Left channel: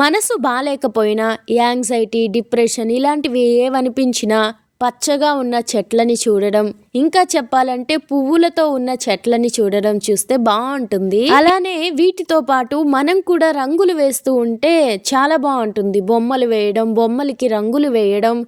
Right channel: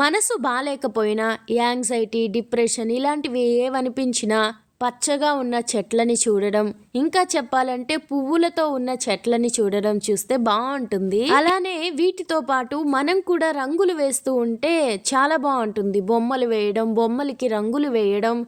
మనసు బాగాలేకపోయినా anxiety depression ఇలాంటివి ఏవనిపించినా పచ్చగా ఉన్న చెట్లని చూడడం ఇంకా చెప్పాలంటే పువ్వులతో ఉన్న చెట్లని చూడడం చూస్తే బాగుంటుంది. అలానే వీటితో పాటు మనం కూడా రంగులు వేస్తూ ఉంటే చాలా బాగుంటుంది. బొమ్మలు వేయడం బొమ్మలకి రంగులు వేయడం.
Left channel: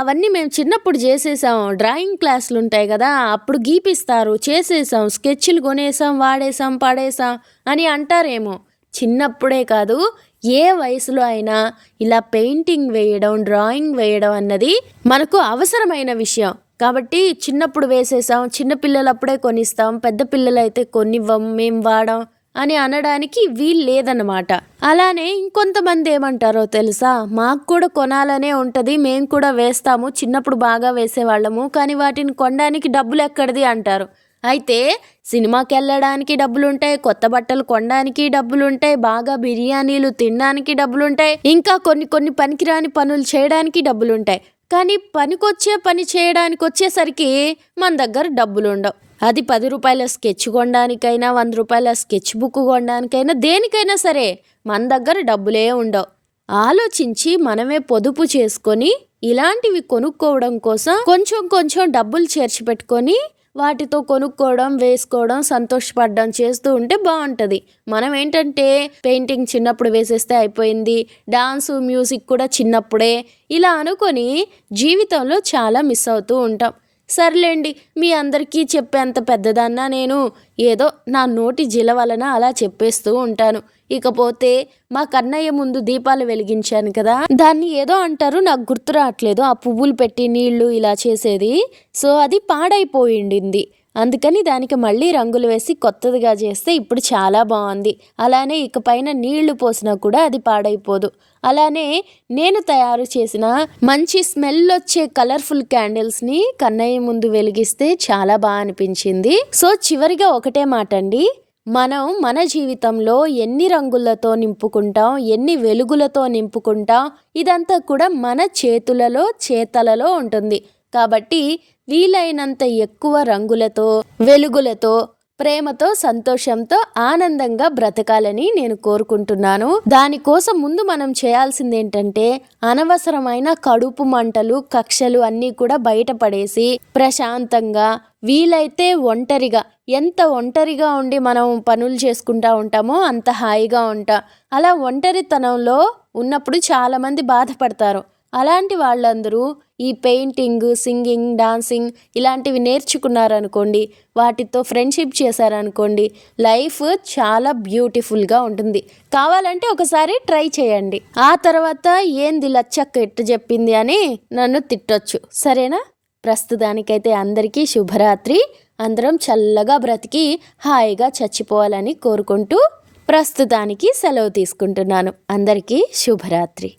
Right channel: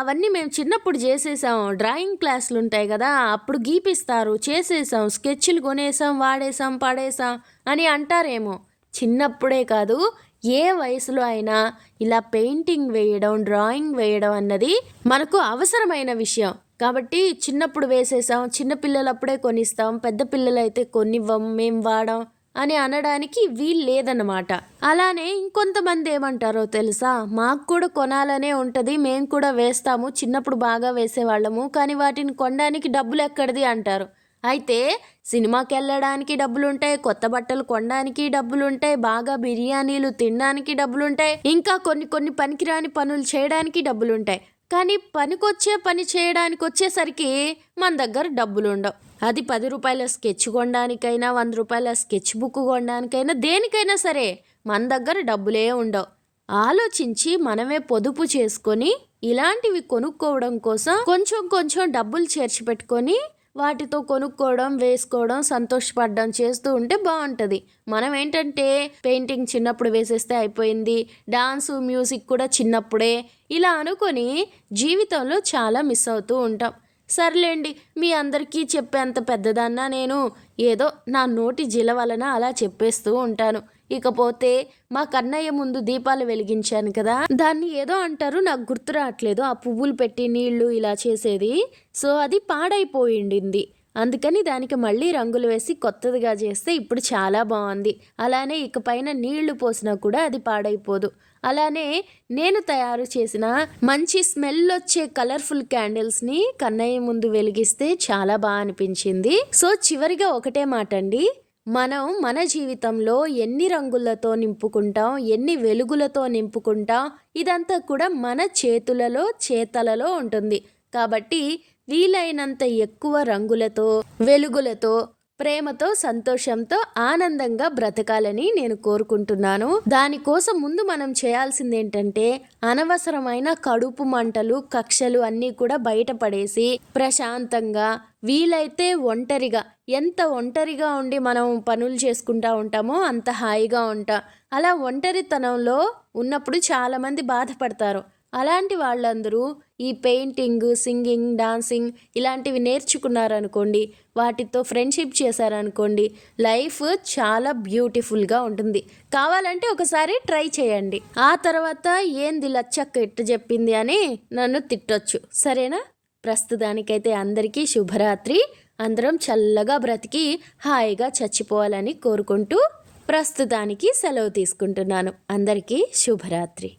అవన్నీ మేము చిన్నప్పుడు చేసేసాం. డ్రాయింగ్ క్లాసులు ఉంటాయి కదా అప్పుడు గీపిస్తారు. చేసేసాం స్కెచ్లు కొనేసాం వాడేసాం పడేసాం అని అంటారేమో. చిన్నప్పుడే కాదు ఏ వయసులో అయినా ఇలా పెయింటింగ్ వేయడం డ్రాయింగ్ వేయడం అన్నది మనకు అవసరమైన విషయం. కాబట్టి చిన్నప్పుడు వేసేసాం చిన్నపిల్లలప్పుడే కొనిస్తాం పెద్ద పిల్లలైతే కొనివ్వం మేం వాడం అని అనడానికి వీలు లేదన్నమాట. అలానే ఇంకొంతమంది ఏమంటారో తెలుసా? మాకు కూడా కొనాలనే ఉంటుంది మేము కూడా వేస్తాము చిన్నప్పుడు బాగా వేసేవాళ్ళము కానీ వాటిని కొనడానికి డబ్బులు ఎక్కడిది అంటారు. అయితే సినిమాకి వెళ్ళడానికి డబ్బులుంటాయి కొత్త బట్టలు కొనడానికి డబ్బులుంటాయి బాగా బిర్యానీలు తినడానికి డబ్బులుంటాయి ఇంకా కొన్ని కొన్ని పనికిరాని పనులు చేయడానికి డబ్బులుంటాయి. కానీ పనికొచ్చే పని చేయడానికి వచ్చేసరికి మన దగ్గర డబ్బులు ఉండవు అది పది రూపాయల స్కెచ్ కొనడానికైనా వంద రూపాయల స్కెచ్ బుక్ కొనడానికైనా దేనికైనా సరే మన దగ్గర డబ్బులే ఉండవు. ఆలోచించి మనమే పొదుపు చేసుకొని ఇలాంటివి కొనుక్కోవడం కోసం కొంచెం కొంచెం డబ్బులు చేర్చి పెట్టుకొని వాటితో కొనుక్కోవడం వేసుకోవడం సంతోషపడడం చేస్తూ ఉంటే బాగుంటుంది. మనం ఏంటంటే పెయింటింగ్ చిన్నప్పుడు వేసేస్తే అయిపోయింది డాన్సు మ్యూజిక్ కూడా చిన్నప్పుడే ఇలా అనుకొని జీవితంలో చాలా మిస్ అవుతూ ఉంటాం. సర్లేండి మీ అందరికీ చెప్పేంత పెద్దదన్నా నేను ఏదో నా నోటి జిల వలన అలా చెప్పేస్తూ ఉంటాను. ఇకపోతే మా కన్నయ్య ముందు దీపాలు వెలిగించాను కదా. దాన్ని ఏదో అంటారు నాకు గుర్తు రావట్లేదు. ఆ పువ్వులు పెట్టి నీళ్ళు ఇలా చేసేది. సో అది పాడైపోయిండింది అందుకని దానికి మళ్ళీ రంగులు వేసి కొత్తదిగా చేస్తే ఇప్పుడు చాలా బాగుంది. అలానే ఇకపైన నీళ్ళు పోసినా కూడా అది పాడైపోదు. అలానే నేను తయారు చేసిన మంచి స్మెల్ వచ్చే కలర్ఫుల్ క్యాండిల్స్ని కన్నయ్య ముందు వెలిగిస్తే చాలా బాగా అనిపించింది. సో చివరిగా ఒకటే మాట అండి మనం మన జీవితంలో ఎన్ని రంగులతో నింపుకుంటాం ఎన్ని వెలుగులతో నింపుకుంటాం ఇదంతా కూడా మన చేతులలో చేతలలో ఉంటుంది. కాబట్టి వీలైనంత ఎక్కువ రంగులతో వెలుగులతో ప్రేమతో సంతోషంతో ఆనందంగా బ్రతకాలని నేను కోరుకుంటున్నాను. దానికోసం ముందు మనం చేయాల్సింది ఏంటంటే అనవసరమైన కడుపు మంటలు కక్షలు అన్నీ కూడా బయటపడేసి ప్రశాంతంగా వీలైతే ఒంటరిగా ఎంత ఒంటరిగా ఉండి మనం పనులు చేసుకుంటా ఉంటామో అంత హాయిగా ఉంటా. అలా ఒంటరితనంలో ఉన్నప్పుడు చాలామంది బాధపడతారు. అలాంటి వాళ్ళందరూ ఈ పెయింటింగ్ సింగింగ్ డాన్సింగ్ ఇలాంటివి నేర్చుకున్నారనుకోండి వాటితో ఫ్రెండ్షిప్ చేశారనుకోండి లైఫ్ చాలా బ్యూటిఫుల్గా ఉంటుంది. కావాలంటే ఒకసారి ట్రై చేయండి. ఆ తర్వాత ఏంది లచ్చక్క ఎట్టు చెప్పింది అని నన్ను తిట్టొచ్చు. సరేనా? ప్రస్తుతానికైతే అందరికీ శుభరాత్రి. అందరం చల్లగా బ్రతికి హాయిగా చచ్చిపోవాలని కోరుకుంటూ ప్రస్తుతానికి సెలవు తీసుకుంటున్నాను. అందరికీ శుభరాత్రి.